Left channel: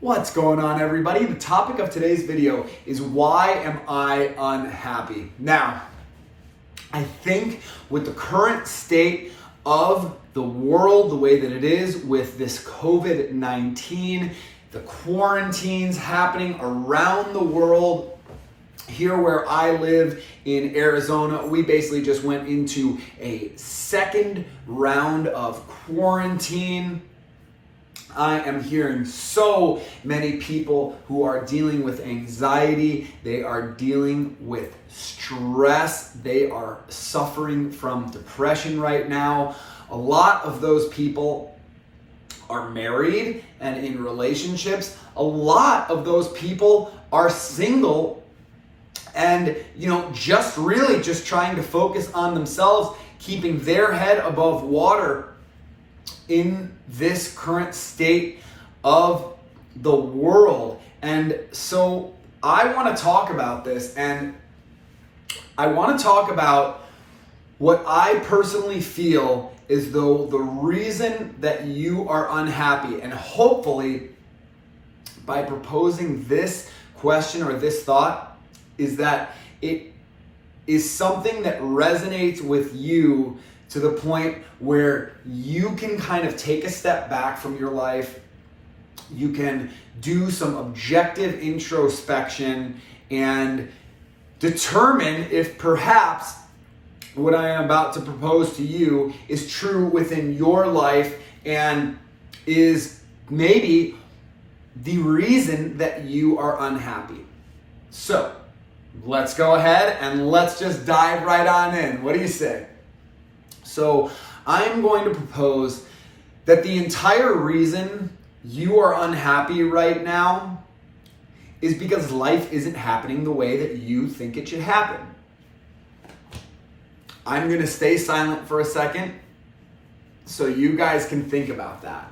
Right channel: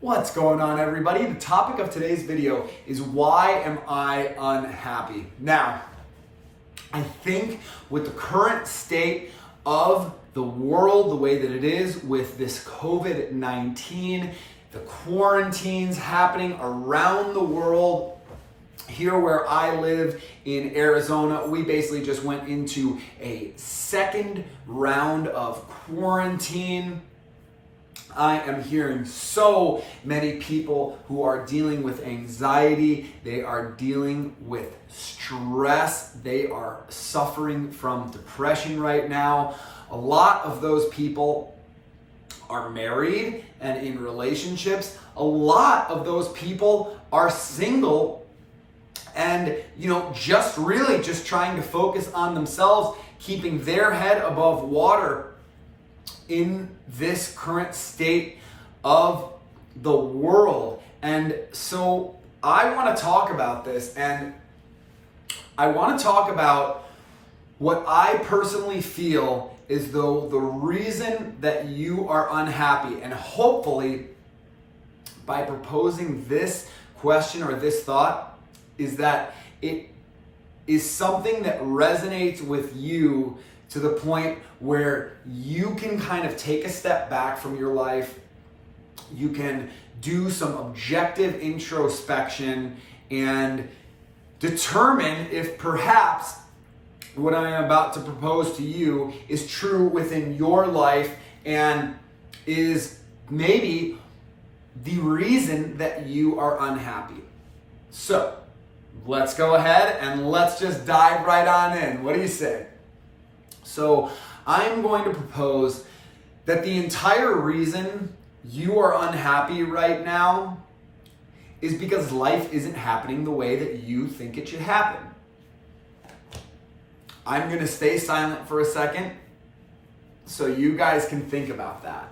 What's going on, everybody? The topic of today's video is why am I unhappy? Now, I think with the current state of the world, the way that it is with this COVID-19, the quarantines happening around the world, here where I live in Arizona, we basically just went into a second round of quarantine. I am hearing so many people who are dealing with anxiety. They are dealing with stress. They are suffering from depression right now. A lot of those people are married and in relationships. A lot of those people are single and, just trying to focus on themselves, keeping their head above water in this current state of the world. And so I want to talk about this, and I want to talk about what I personally feel is though the reason that you are unhappy. And hopefully by proposing this question or this thought is that it is something that resonates with you to the point where you can kind of take a step back from your life. You can do some objective introspection and determine if perhaps what I am about to propose to you is true within your life and is maybe the reason that you are unhappy. So let's go ahead and let's just dive right on in. What do you say? So I'm going to propose that the entire reason you are unhappy right now is because life isn't happening the way that you think it should happen. I'm going to stay silent for a second so you guys can think about that.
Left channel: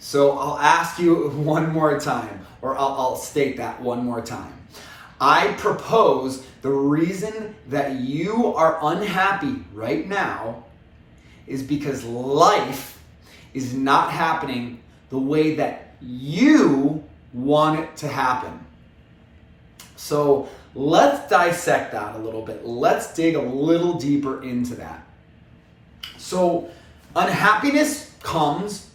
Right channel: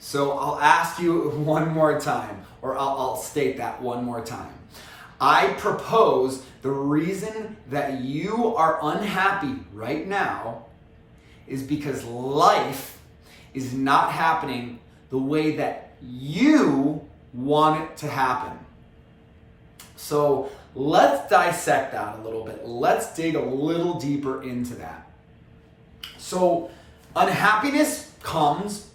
So I'll ask you one more time, or I'll state that one more time. I propose the reason that you are unhappy right now is because life is not happening the way that you want it to happen. So let's dissect that a little bit. Let's dig a little deeper into that. So unhappiness comes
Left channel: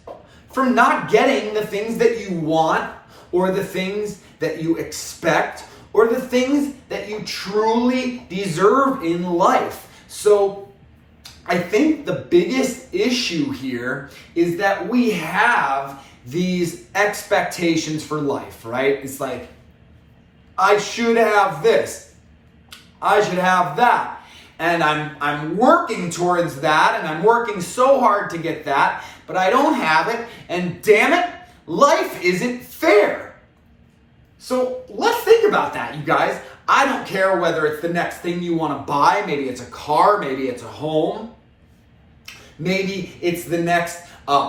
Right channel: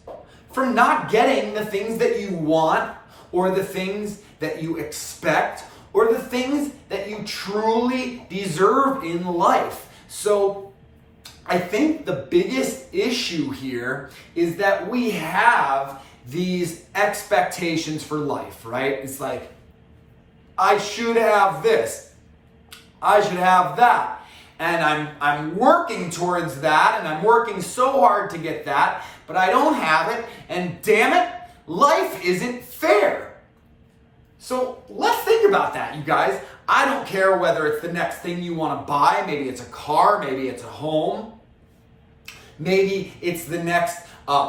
from not getting the things that you want or the things that you expect or the things that you truly deserve in life. So I think the biggest issue here is that we have these expectations for life, right? It's like, I should have this, I should have that, and I'm working towards that, and I'm working so hard to get that, but I don't have it, and damn it, life isn't fair. So let's think about that, you guys. I don't care whether it's the next thing you want to buy. Maybe it's a car, maybe it's a home, maybe it's the next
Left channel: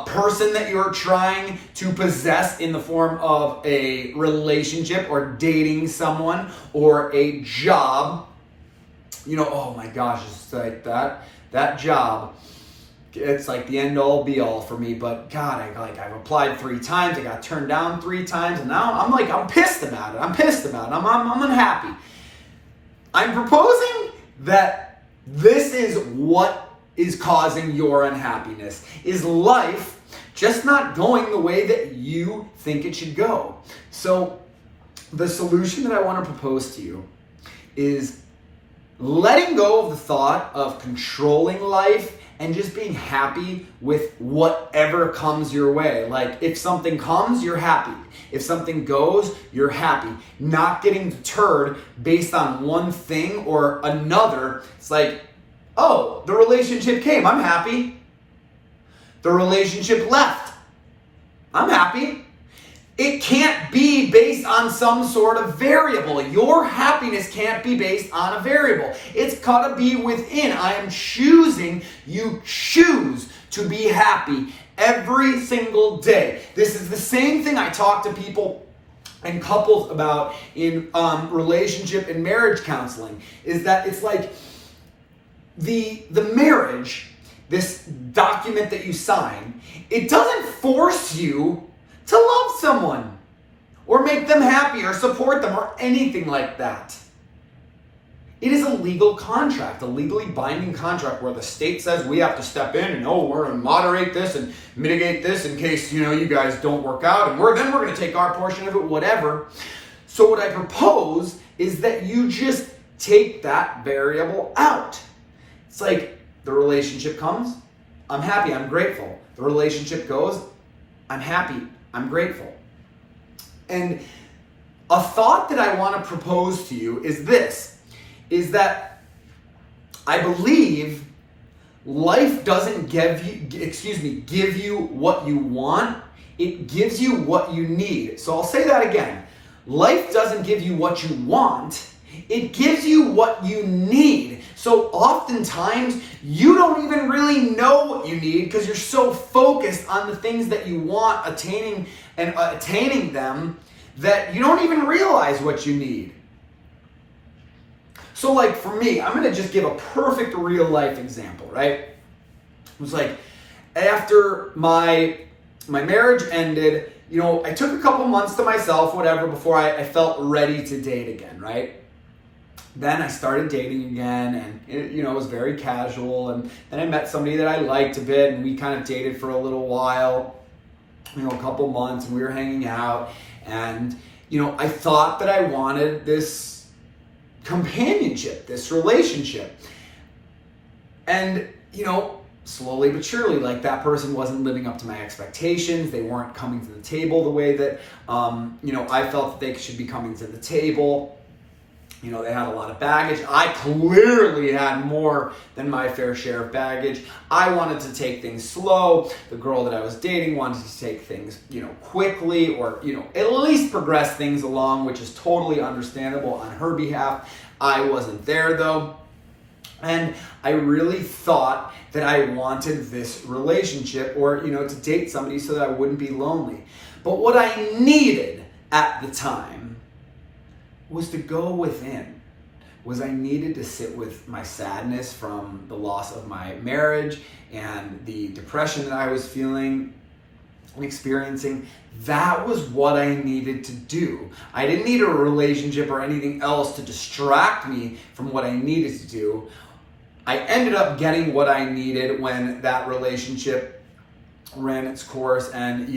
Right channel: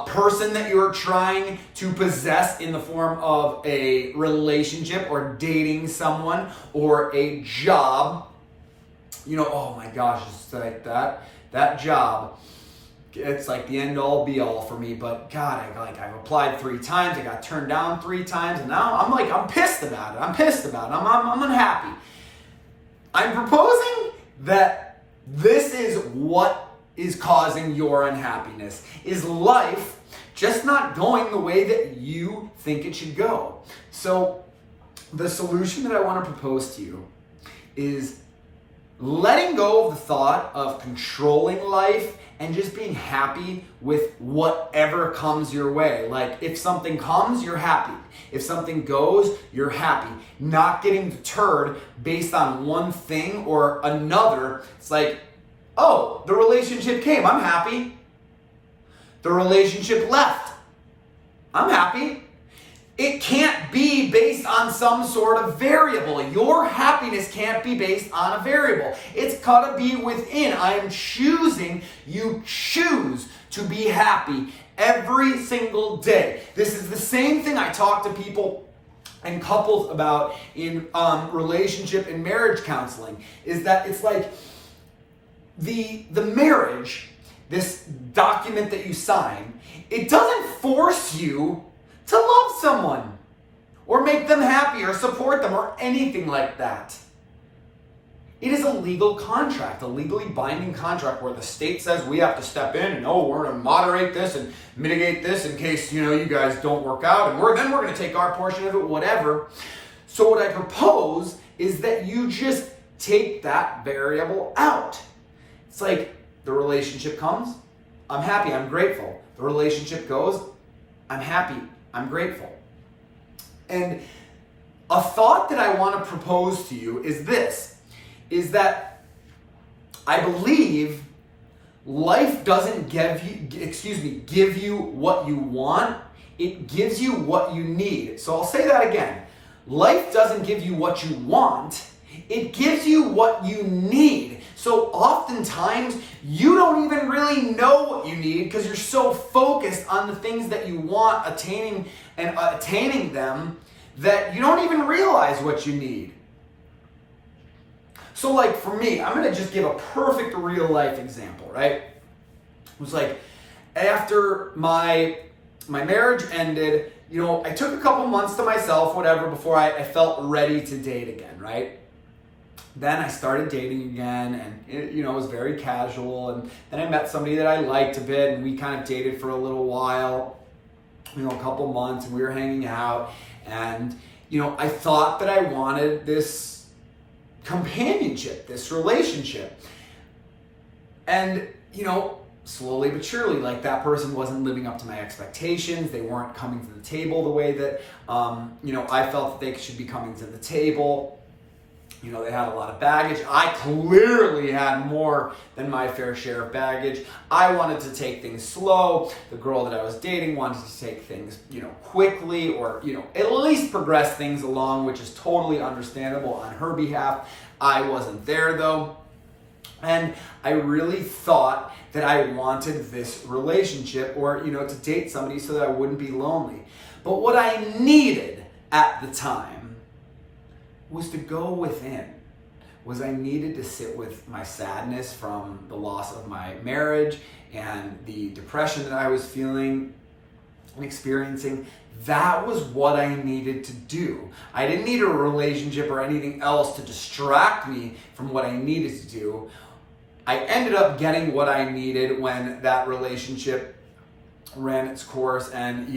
person that you're trying to possess in the form of a relationship or dating someone or a job. Oh my gosh, it's like that job. It's like the end all be all for me, but God, I've applied 3 times, I got turned down 3 times, and now I'm pissed about it. I'm I'm unhappy. I'm proposing that this is what is causing your unhappiness. Is life just not going the way that you think it should go? So the solution that I want to propose to you is letting go of the thought of controlling life and just being happy with whatever comes your way. Like, if something comes, you're happy. If something goes, you're happy. Not getting deterred based on one thing or another. It's like, oh, the relationship came, I'm happy. The relationship left, I'm happy. It can't be based on some sort of variable. Your happiness can't be based on a variable. It's gotta be within. I am choosing, you choose to be happy every single day. This is the same thing I talk to people and couples about in relationship and marriage counseling, is that it's like the marriage, this document that you sign, it doesn't force you to love someone make them happy or support them or anything like that. It is a legal contract, a legally binding contract where the state says we have to step in and, we're going to moderate this and mitigate this in case, you guys don't work out, and we're going to take our portion of it, whatever. So what I propose is that you just take that variable out. It's like the relationship comes, I'm happy, I'm grateful. The relationship goes, I'm happy, I'm grateful. And a thought that I want to propose to you is this, is that I believe life doesn't give you what you want, it gives you what you need. So I'll say that again. Life doesn't give you what you want, it gives you what you need. So oftentimes you don't even really know what you need because you're so focused on the things that you want, attaining them, that you don't even realize what you need. So like for me, I'm gonna just give a perfect real life example, right? It was like after my marriage ended, I took a couple months to myself, whatever, before I felt ready to date again, right? Then I started dating again, and it was very casual, and then I met somebody that I liked a bit, and we kind of dated for a little while, a couple months, and we were hanging out, and I thought that I wanted this companionship, this relationship. And, slowly but surely, like that person wasn't living up to my expectations. They weren't coming to the table the way that, I felt that they should be coming to the table. They had a lot of baggage. I clearly had more than my fair share of baggage. I wanted to take things slow. The girl that I was dating wanted to take things, quickly, or, at least progress things along, which is totally understandable on her behalf. I wasn't there though. And I really thought that I wanted this relationship or, to date somebody so that I wouldn't be lonely. But what I needed at the time was to go within. I needed to sit with my sadness from the loss of my marriage and the depression that I was feeling and experiencing. That was what I needed to do. I didn't need a relationship or anything else to distract me from what I needed to do. I ended up getting what I needed when that relationship ran its course, and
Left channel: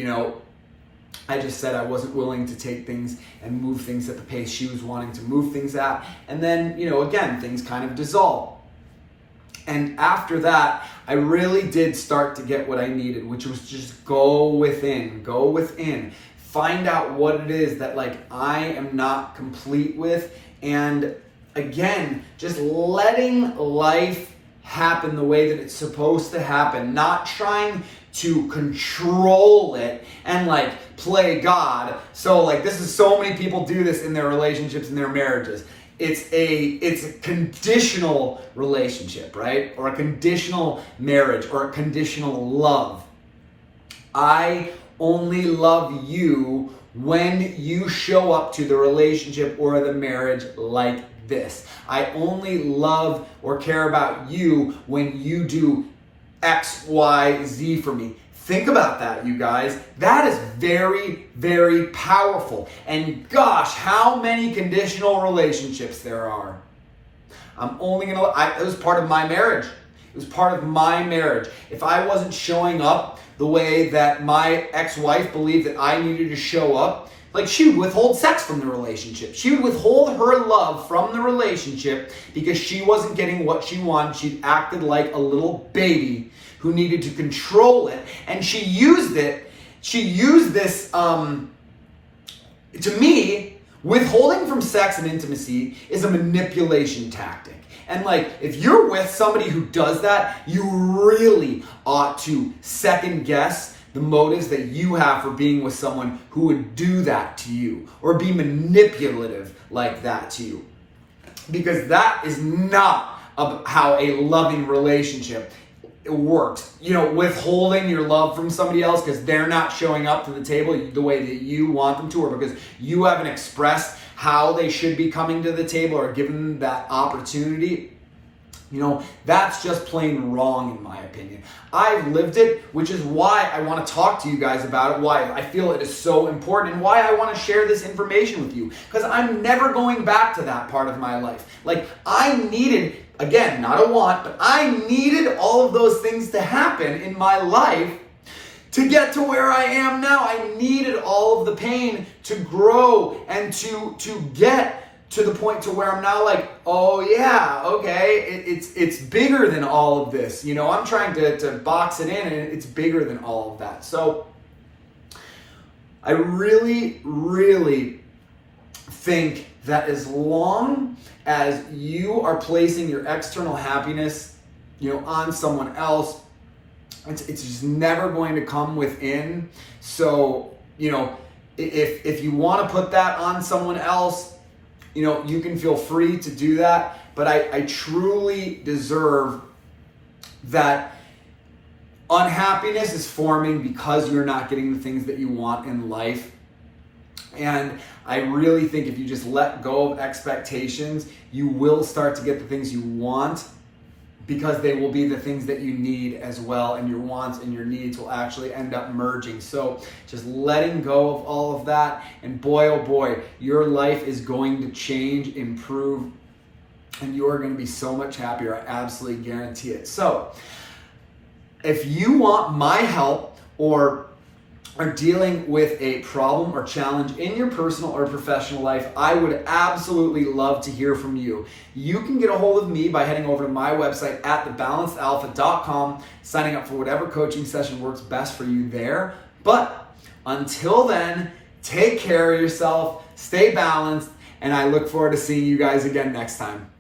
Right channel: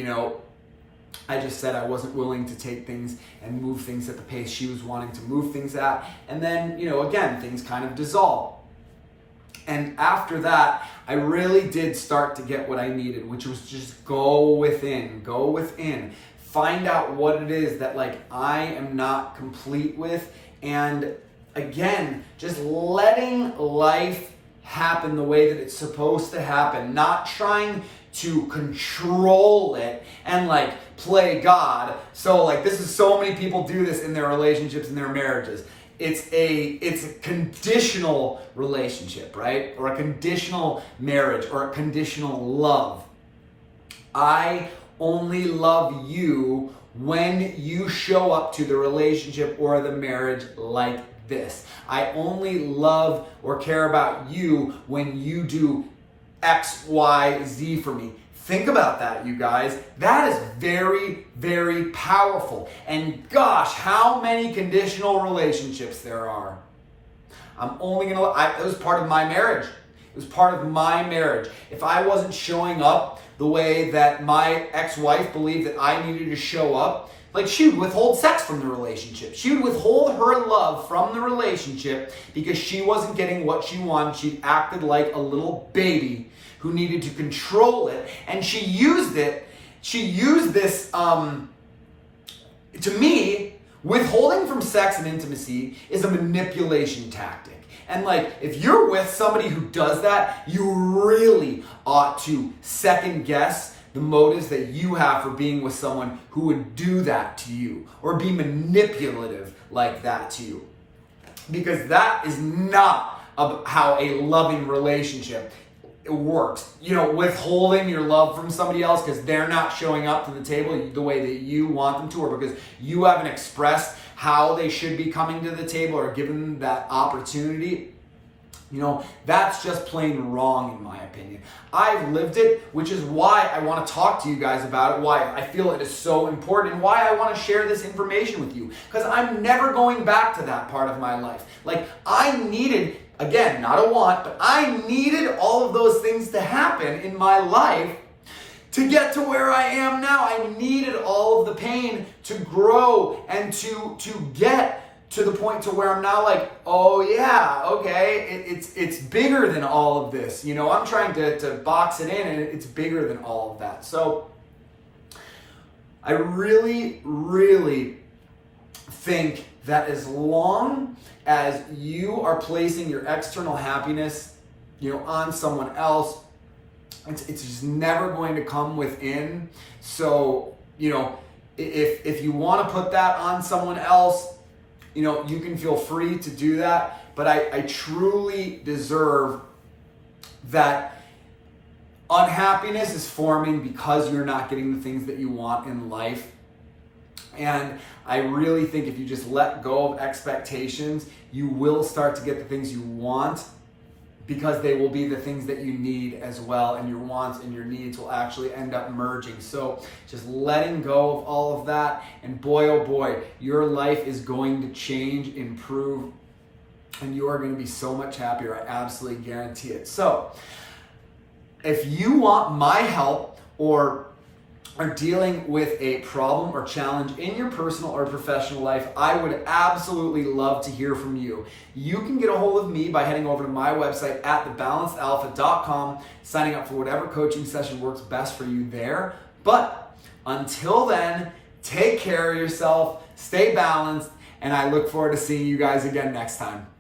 I just said I wasn't willing to take things and move things at the pace she was wanting to move things at. And then, again, things kind of dissolved. And after that, I really did start to get what I needed, which was just go within, find out what it is that I am not complete with. And again, just letting life happen the way that it's supposed to happen, not trying to control it and play God. So this is, so many people do this in their relationships and their marriages. It's a conditional relationship, right? Or a conditional marriage or a conditional love. I only love you when you show up to the relationship or the marriage like this. I only love or care about you when you do X, Y, Z for me. Think about that, you guys. That is very, very powerful. And gosh, how many conditional relationships there are. It was part of my marriage. It was part of my marriage. If I wasn't showing up the way that my ex-wife believed that I needed to show up, she would withhold sex from the relationship. She would withhold her love from the relationship because she wasn't getting what she wanted. She acted like a little baby who needed to control it. And she used this, to me, withholding from sex and intimacy is a manipulation tactic. And if you're with somebody who does that, you really ought to second guess the motives that you have for being with someone who would do that to you or be manipulative like that to you. Because that is not how a loving relationship works. Withholding your love from somebody else because they're not showing up to the table the way that you want them to, or because you haven't expressed how they should be coming to the table or given them that opportunity. That's just plain wrong in my opinion. I've lived it, which is why I want to talk to you guys about it, why I feel it is so important, and why I want to share this information with you. Because I'm never going back to that part of my life. Like, I needed, again, not a want, but I needed all of those things to happen in my life to get to where I am now. I needed all of the pain to grow and to get to the point to where I'm now like, oh yeah, okay, it's bigger than all of this. I'm trying to box it in, and it's bigger than all of that. So I really, really think that as long as you are placing your external happiness, on someone else, it's just never going to come within. So, if you want to put that on someone else, you can feel free to do that, but I truly deserve that unhappiness is forming because you're not getting the things that you want in life. And I really think if you just let go of expectations, you will start to get the things you want, because they will be the things that you need as well, and your wants and your needs will actually end up merging. So just letting go of all of that, and boy, oh boy, your life is going to change, improve, and you are going to be so much happier. I absolutely guarantee it. So if you want my help or are dealing with a problem or challenge in your personal or professional life, I would absolutely love to hear from you. You can get a hold of me by heading over to my website at thebalancedalpha.com, signing up for whatever coaching session works best for you there. But until then, take care of yourself, stay balanced, and I look forward to seeing you guys again next time.